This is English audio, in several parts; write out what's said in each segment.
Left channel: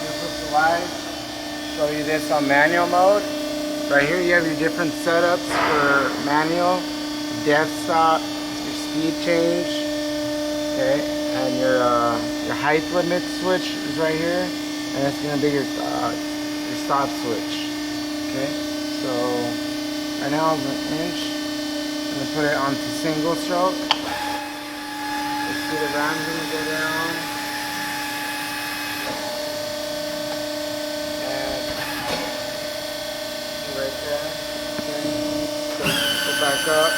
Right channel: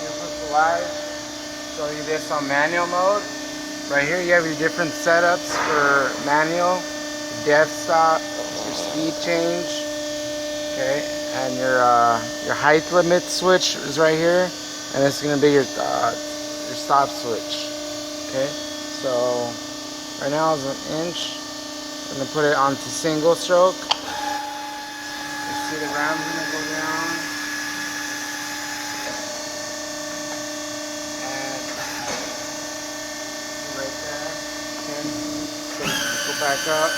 different live. Show you this on manual mode. Right here you have your different setups for manual, death stop, your speed change, okay, and your height limit switch is right here, and it's gonna be your stop switch. Okay, so right now it's an inch. I'm gonna put it onto single stroke. You see the ram's gonna go down. Back up.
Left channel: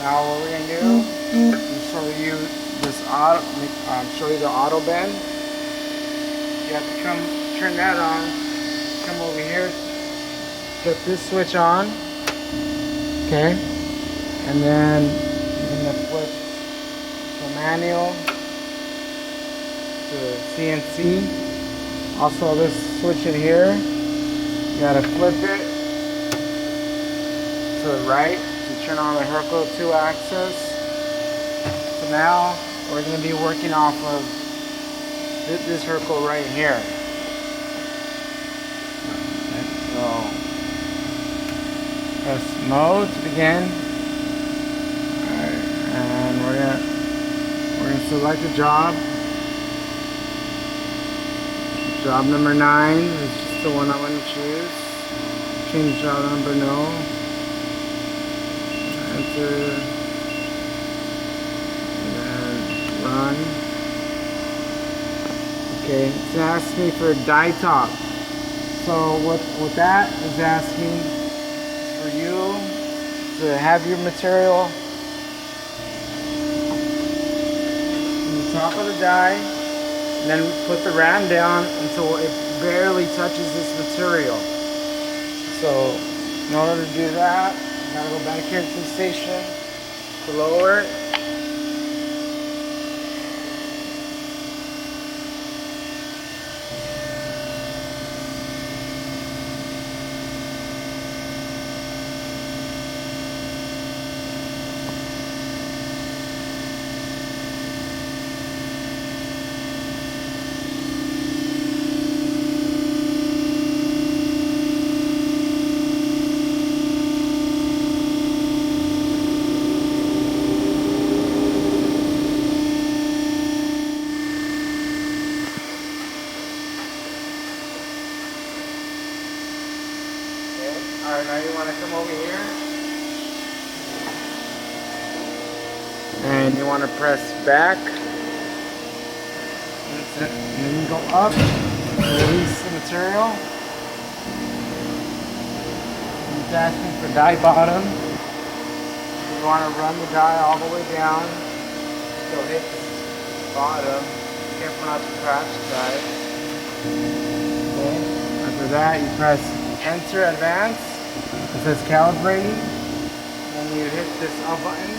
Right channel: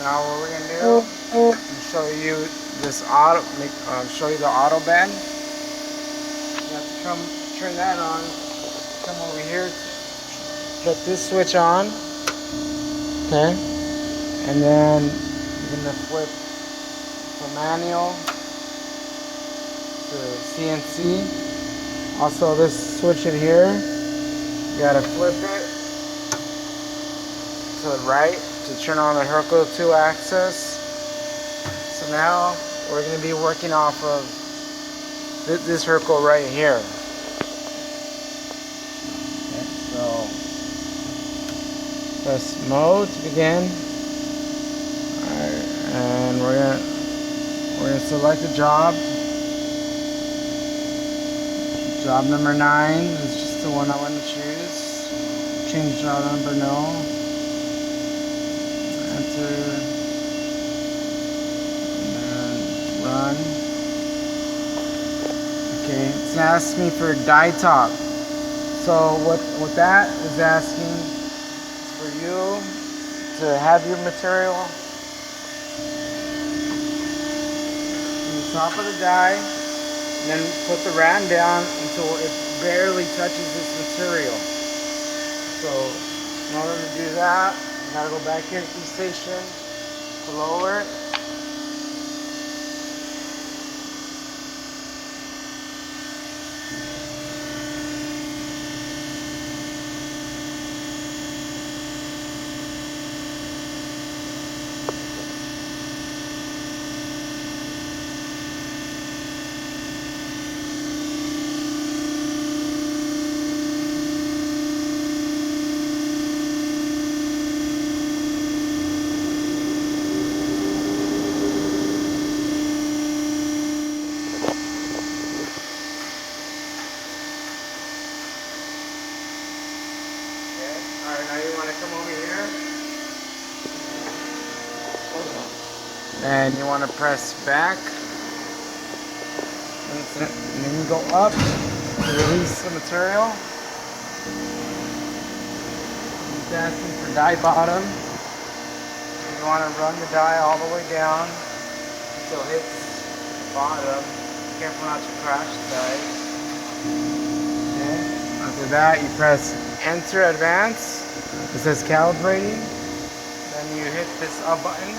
Now what we're gonna do is show you this show you the Autobend. You have to come turn that on. Come over here, put this switch on. Okay, and then you're gonna flip from manual to CNC. Also, this switch in here. You gotta flip it to the right to turn on the Hurco 2-axis. So now we're gonna be working off of this Hurco right here. Okay, so press mode to begin. Alright, and we're gonna select a job. Job number 9 is just the one I want to choose. Change job number, no. Enter. And run. Okay, it's asking me for a die top. So what that is asking for you to have your material on the top of the die, and then put the ram down until it barely touches this material. So in order to do that, you gotta go back here to the station to lower it. Now you want to come over here and you want to press back, and then you go up to release the material. It's asking for die bottom. You want to run the die all the way down so it hits bottom. Careful not to crash the die. Okay. After that, you press enter advance. It says calibrating, then you hit this up button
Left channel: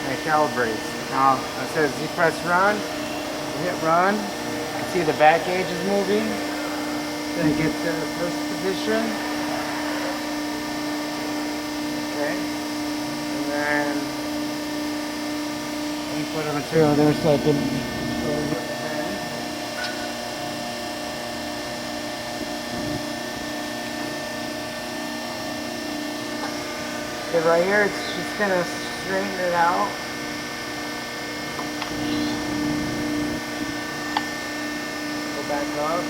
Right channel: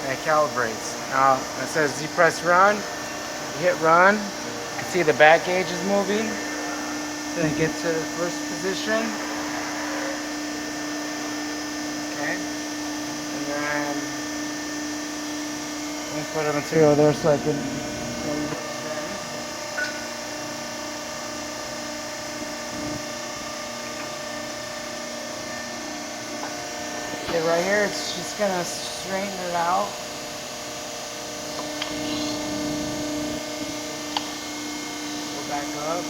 and it calibrates. Now it says you press run, you hit run, you can see the back gauge is moving, then it gets to the first position. Okay, and then you put the material there so I can. Okay, right here, it's just gonna straighten it out. Go back up.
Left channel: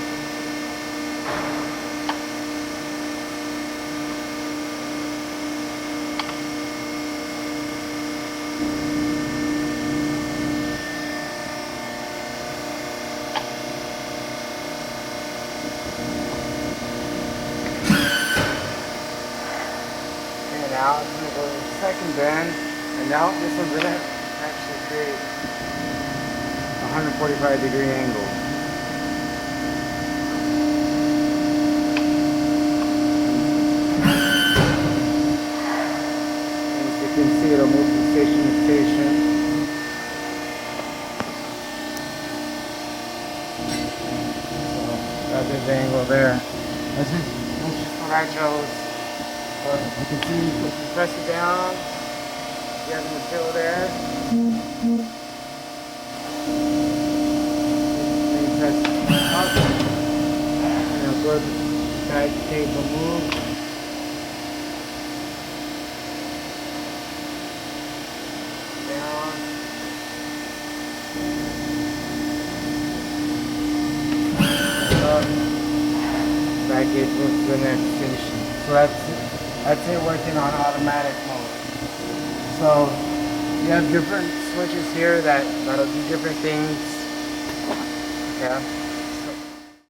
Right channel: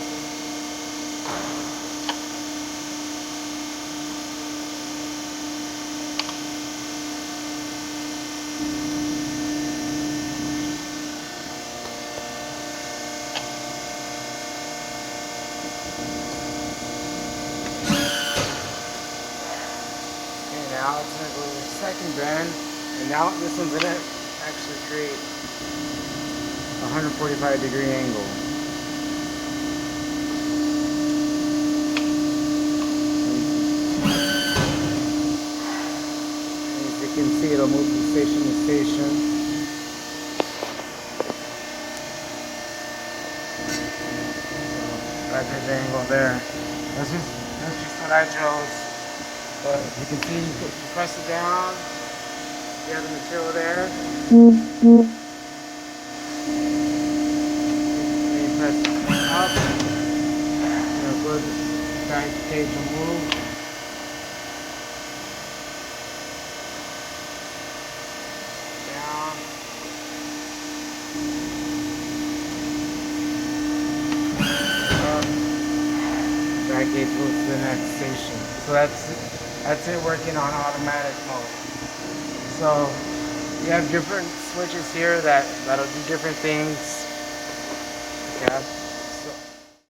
Now it's going to go to the second bend, and now this one's going to actually create a 145-degree angle. As you can see, it'll move from station to station. So that's the angle there. That's just what I chose. As you can see, if you press it down, you have the material there. navigate to the next station. So that's it working on automatic mode. So you have different switches here that'll do different things. Yeah.